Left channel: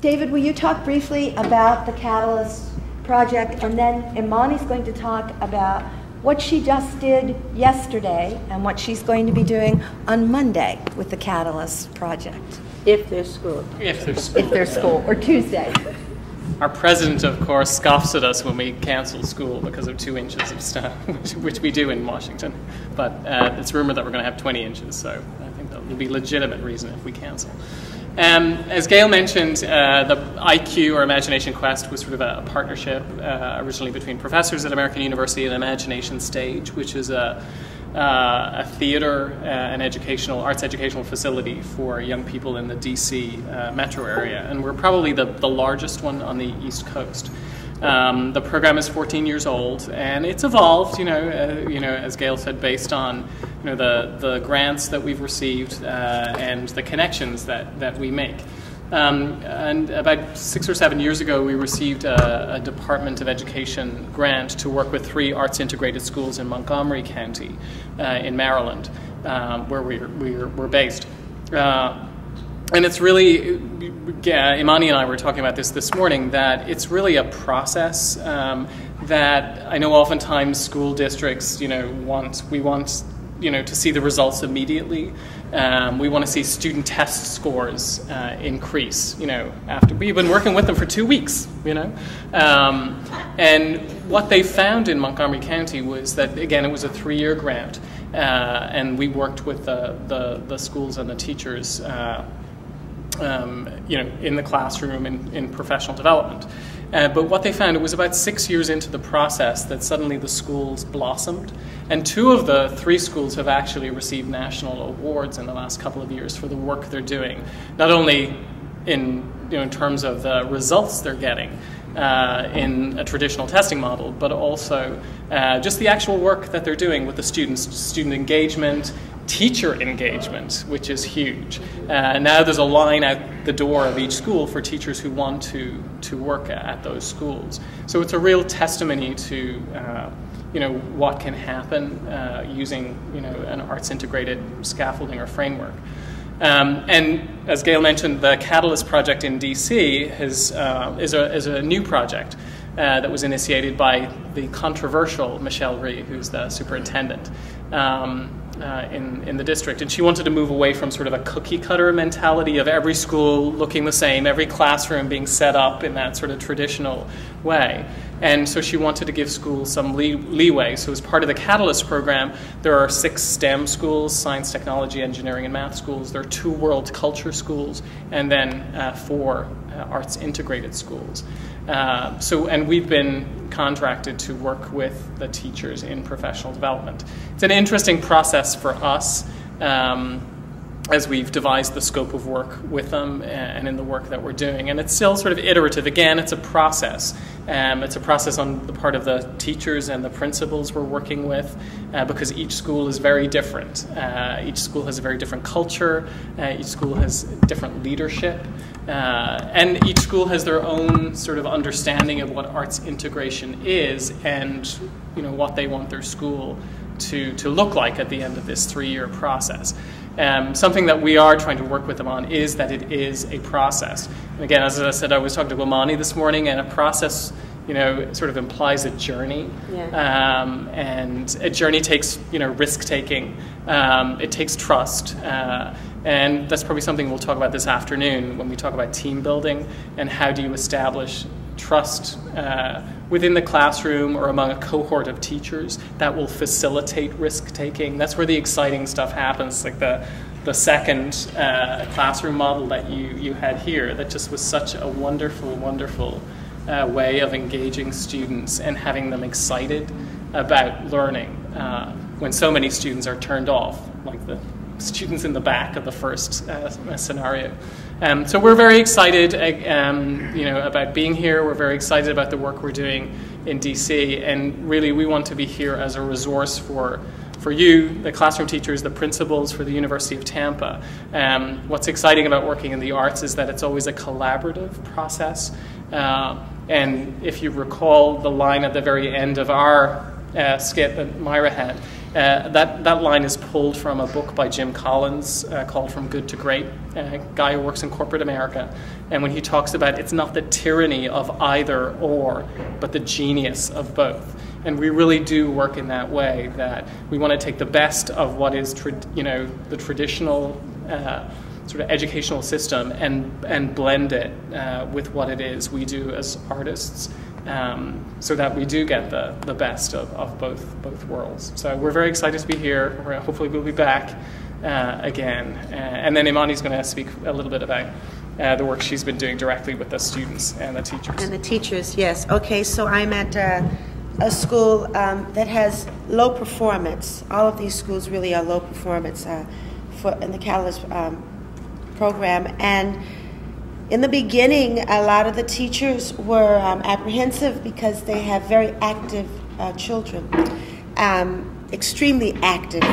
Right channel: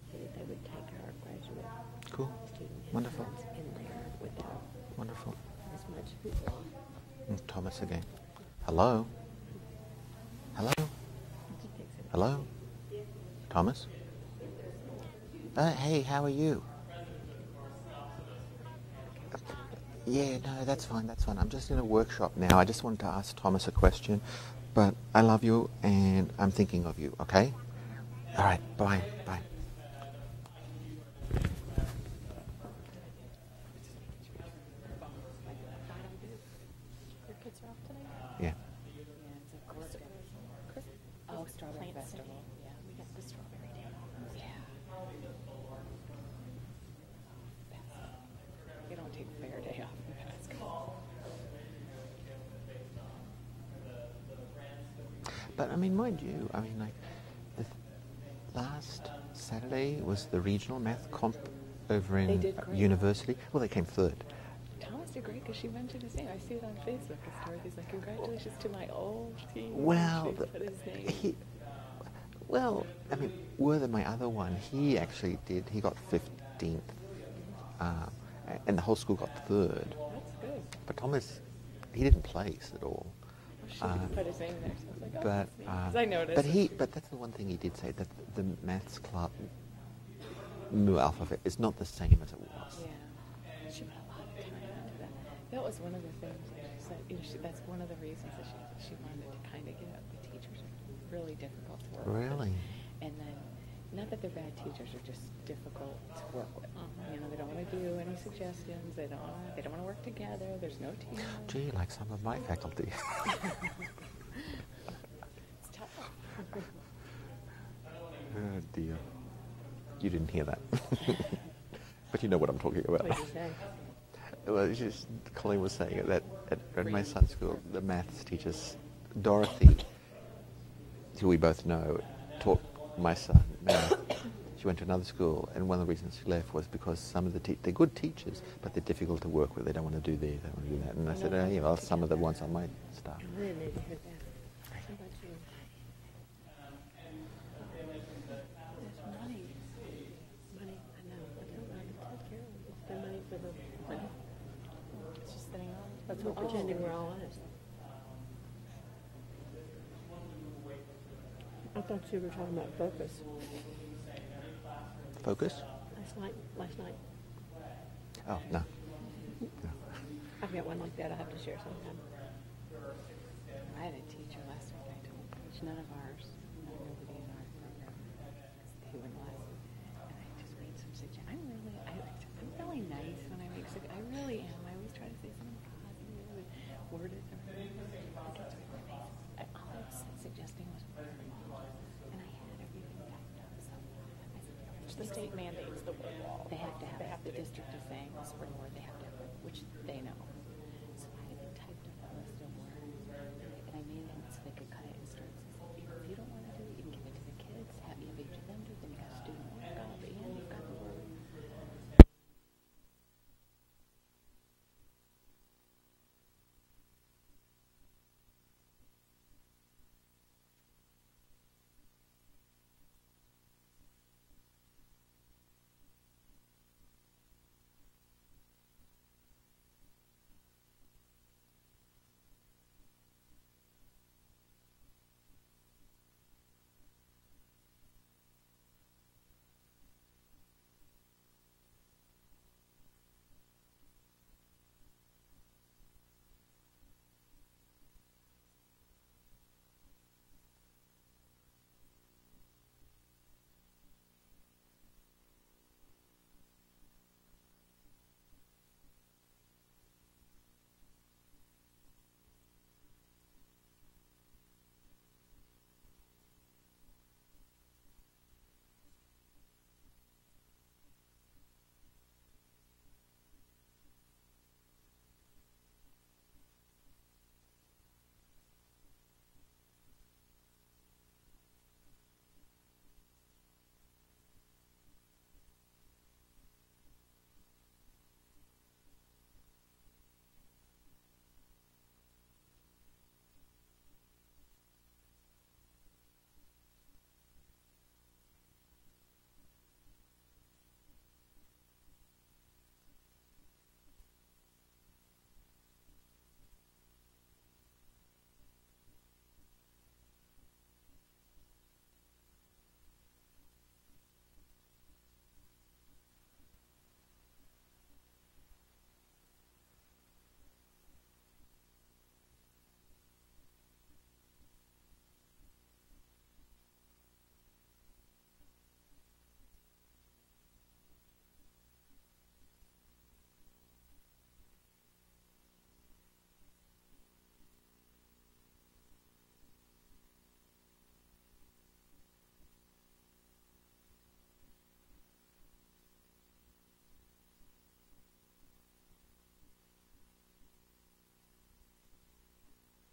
David, will you talk briefly about the Catalyst project, and then Imani's going to talk about what she just did yesterday and what she's going to be doing on Monday with the Catalyst project. If there's school. If there's school. If there's school, or Tuesday. Hey, how are you? Our president, of course, scoffs at us when we cancel school because of 2 inches of snow, which we do in Washington. No, I just want But to ask it's rumored that we're going to have 20 inches, so I love you, that would be and legitimate I'm reason if we cancel. okay. As Gail mentioned, the IQ, or Imagination Quest, was sort of a partnership originally between professors at American University and Imagination Stage, which is a theater and arts educational facility for young people in the DC metro area, and we're probably the largest one on the East Coast. The program is 14 years old, and it's evolved, as Gail said, based on the grants that we've received and the connections that we make. And about 6 or 7 years ago, we received a Department of Education grant to work with 3 arts-integrated schools in Montgomery County in Maryland, where we're based. And it's really, Imani and I were talking about this morning, that it's really a process that I know oftentimes school districts, we want to see the results immediately. We want to see student test scores increase, after we've been working with them for 2 weeks, And what they found in Montgomery County was that, again, it was a 3-year grant, and we worked with the schools and the teachers, in the classroom, in professional development. But what they found, it was about 6 years into the process that suddenly the schools blossomed. And 2 of the 3 schools have actually received national awards in the last couple of years for the work they're doing, not only in terms of the results they're getting in a traditional testing model, but also just the actual work that they're doing with the students, student engagement, teacher engagement, which is huge. Now there's a line out the door of each school for teachers who want to work at those schools. So it's a real testimony to what can happen using an arts integrated scaffolding or framework. And as Gail mentioned, the Catalyst project in DC is a new project that was initiated by the controversial Michelle Rhee, who's the superintendent in the district. And she wanted to move away from sort of a cookie cutter mentality of every school looking the same, every classroom being set up in that sort of traditional way. And so she wanted to give schools some leeway. So as part of the Catalyst program, there are 6 STEM schools, science, technology, engineering, and math schools. There are 2 world culture schools, and then 4 arts integrated schools. And we've been contracted to work with the teachers in professional development. It's an interesting process for us as we've devised the scope of work with them and in the work that we're doing. And it's still sort of iterative. Again, it's a process. It's a process on the part of the teachers and the principals we're working with because each school is very different. Each school has a very different culture. Each school has different leadership. And each school has their own sort of understanding of what arts integration is and what they want their school to look like at the end of this 3-year process. Something that we are trying to work with them on is that it is a process. And again, as I said, I was talking to Imani this morning, and a process, sort of implies a journey. Yeah. And a journey takes, risk-taking. It takes trust. And that's probably something we'll talk about this afternoon when we talk about team building and how do you establish trust within the classroom or among a cohort of teachers that will facilitate risk-taking. That's where the exciting stuff happens, like the second classroom model that you had here that just was such a wonderful, wonderful way of engaging students and having them excited about learning when so many students are turned off, like the students in the back of the first scenario. So we're very excited about being here. We're very excited about the work we're doing in DC, and really we want to be here as a resource for you, the classroom teachers, the principals, for the University of Tampa. What's exciting about working in the arts is that it's always a collaborative process. And if you recall the line at the very end of our skit that Myra had, That line is pulled from a book by Jim Collins called From Good to Great, a guy who works in corporate America. And when he talks about it's not the tyranny of either or, but the genius of both. And we really do work in that way, that we want to take the best of what is the traditional sort of educational system and blend it with what it is we do as artists, so that we do get the best of both worlds. So we're very excited to be here. Hopefully we'll be back again. And then Imani's going to speak a little bit about the work she's been doing directly with the students and the teachers. And the teachers, yes. Okay, so I'm at a school that has low performance. All of these schools really are low performance in the Catalyst program. And in the beginning, a lot of the teachers were apprehensive because they have very active children, extremely active.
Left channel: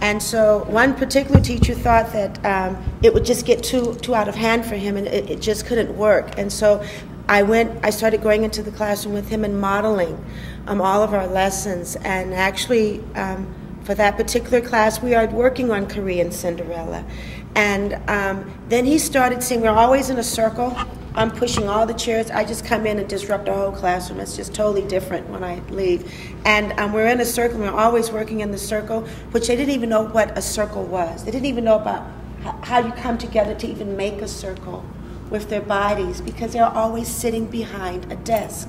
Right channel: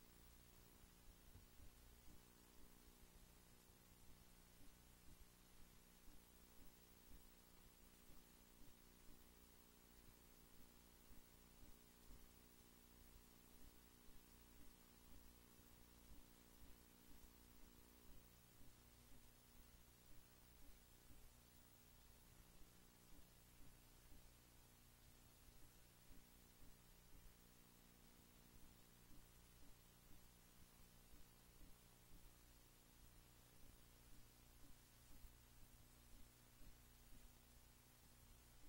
And so one particular teacher thought that it would just get too out of hand for him, and it just couldn't work. And so I started going into the classroom with him and modeling all of our lessons. And actually, for that particular class, we are working on Korean Cinderella. And then he started saying, we're always in a circle. I'm pushing all the chairs. I just come in and disrupt the whole classroom. It's just totally different when I leave. And we're in a circle. We're always working in the circle, which they didn't even know what a circle was. They didn't even know about how you come together to even make a circle with their bodies, because they're always sitting behind a desk.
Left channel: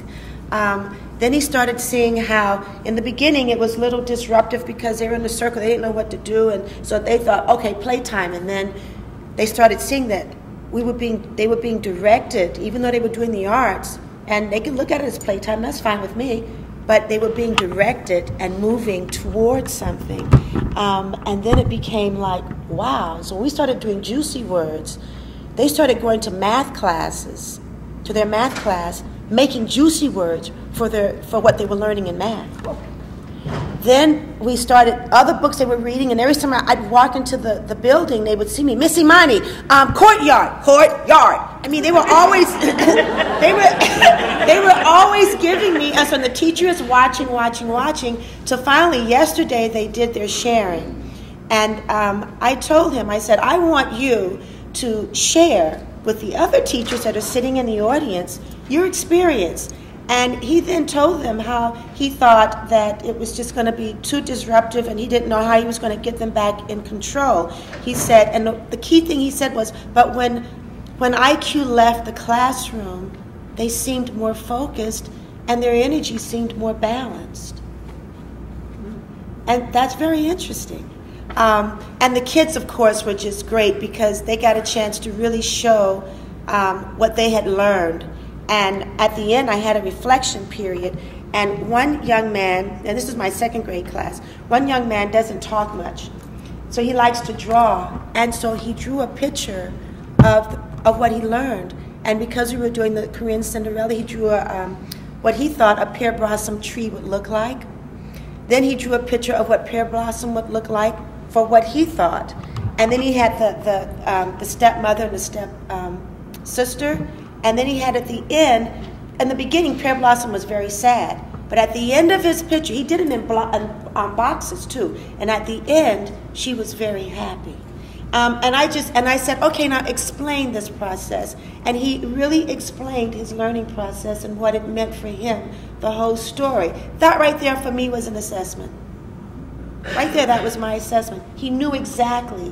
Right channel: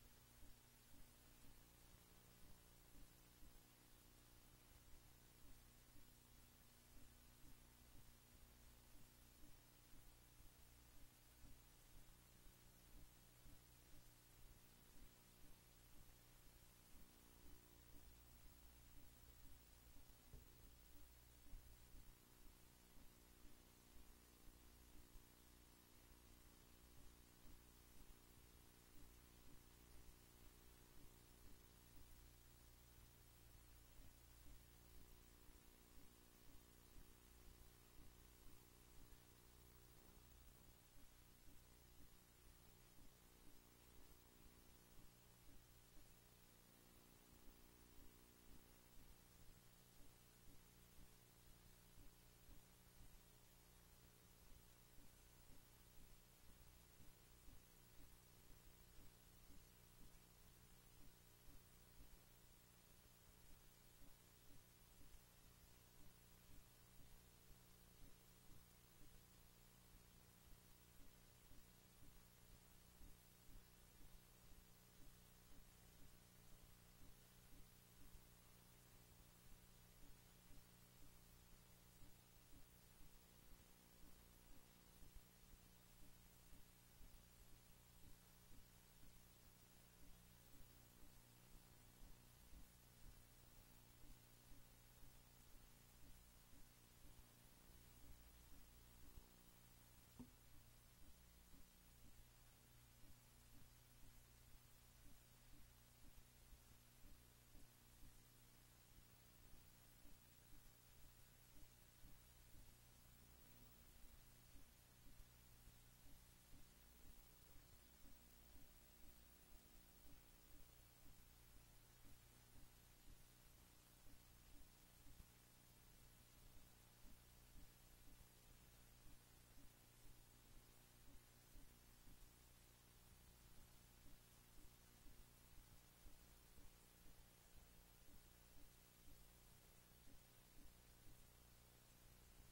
Then he started seeing how, in the beginning, it was a little disruptive because they were in the circle. They didn't know what to do, and so they thought, okay, playtime. And then they started seeing that they were being directed, even though they were doing the arts, and they could look at it as playtime. That's fine with me, but they were being directed and moving towards something. And then it became like, wow. So when we started doing Juicy Words, they started going to math classes, to their math class, making juicy words for what they were learning in math. Then we started other books they were reading, and every time I'd walk into the building, they would see me, Miss Imani, courtyard. I mean, they were always they were always giving me, and so the teacher is watching, till finally yesterday they did their sharing. And I told him, I said, I want you to share with the other teachers that are sitting in the audience your experience. And he then told them how he thought that it was just going to be too disruptive, and he didn't know how he was going to get them back in control. He said, and the key thing he said was, but when IQ left the classroom, they seemed more focused and their energy seemed more balanced. And that's very interesting. And the kids, of course, were just great because they got a chance to really show what they had learned. And at the end, I had a reflection period. And one young man, and this is my second grade class, one young man doesn't talk much. So he likes to draw. And so he drew a picture of what he learned. And because we were doing the Korean Cinderella, he drew what he thought a pear blossom tree would look like. Then he drew a picture of what pear blossom would look like for what he thought. And then he had the stepmother and the step sister. And then he had at the end, in the beginning, Pear Blossom was very sad. But at the end of his picture, he did it in boxes too. And at the end, she was very happy. And I said, okay, now explain this process. And he really explained his learning process and what it meant for him, the whole story. That right there for me was an assessment. Right there, that was my assessment. He knew exactly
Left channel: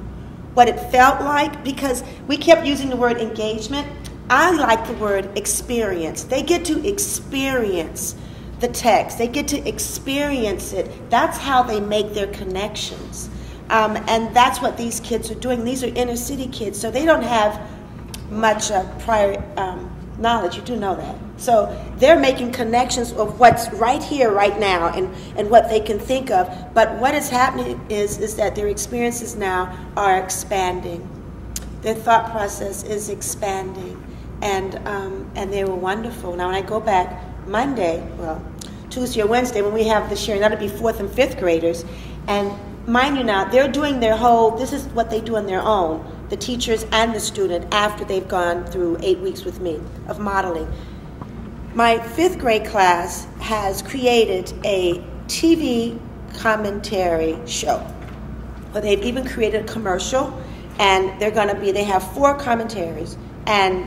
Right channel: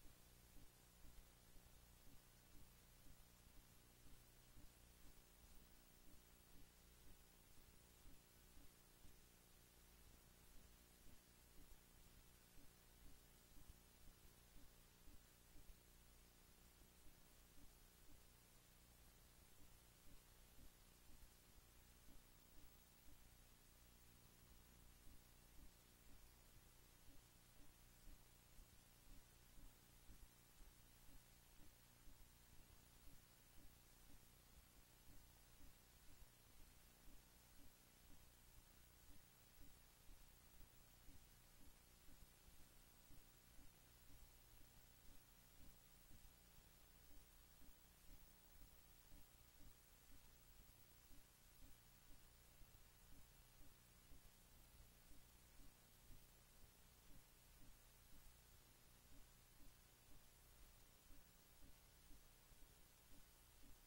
what it felt like, because we kept using the word engagement. I like the word experience. They get to experience the text. They get to experience it. That's how they make their connections. And that's what these kids are doing. These are inner city kids, so they don't have much prior knowledge. You do know that. So they're making connections of what's right here, right now, and what they can think of. But what is happening is that their experiences now are expanding. Their thought process is expanding. And they were wonderful. Now, when I go back Monday, well, Tuesday or Wednesday, when we have the sharing, that'll be 4th and 5th graders. And mind you now, they're doing their whole, this is what they do on their own, the teachers and the student, after they've gone through 8 weeks with me of modeling. My 5th grade class has created a TV commentary show. But they've even created a commercial, and they have 4 commentaries and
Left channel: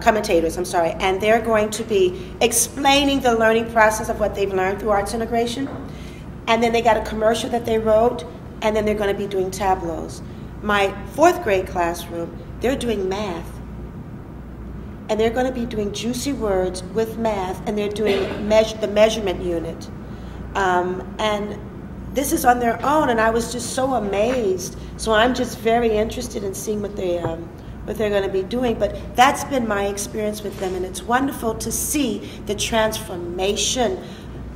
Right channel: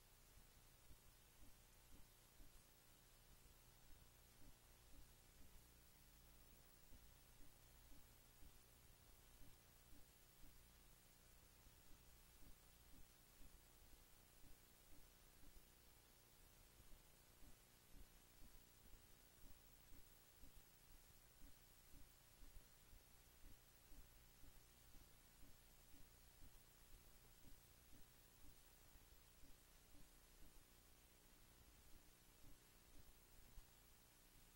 commentators, and they're going to be explaining the learning process of what they've learned through arts integration. And then they got a commercial that they wrote, and then they're going to be doing tableaus. My 4th grade classroom, they're doing math. And they're going to be doing juicy words with math, and they're doing the measurement unit. And this is on their own, and I was just so amazed. So I'm just very interested in seeing what they're going to be doing. But that's been my experience with them, and it's wonderful to see the transformation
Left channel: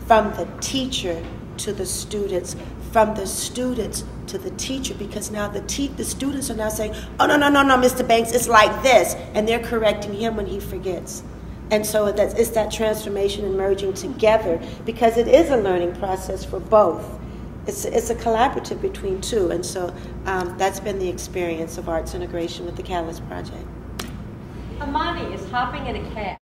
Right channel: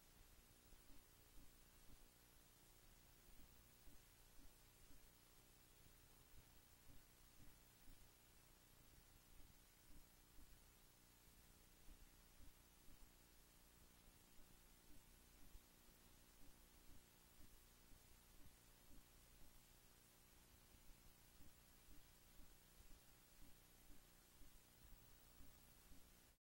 from the teacher to the students, from the students to the teacher, because now the students are now saying, oh, no, Mr. Banks, it's like this, and they're correcting him when he forgets. And so it's that transformation and merging together, because it is a learning process for both. It's a collaborative between two, and so that's been the experience of arts integration with the Catalyst Project. Amani is hopping in a cab.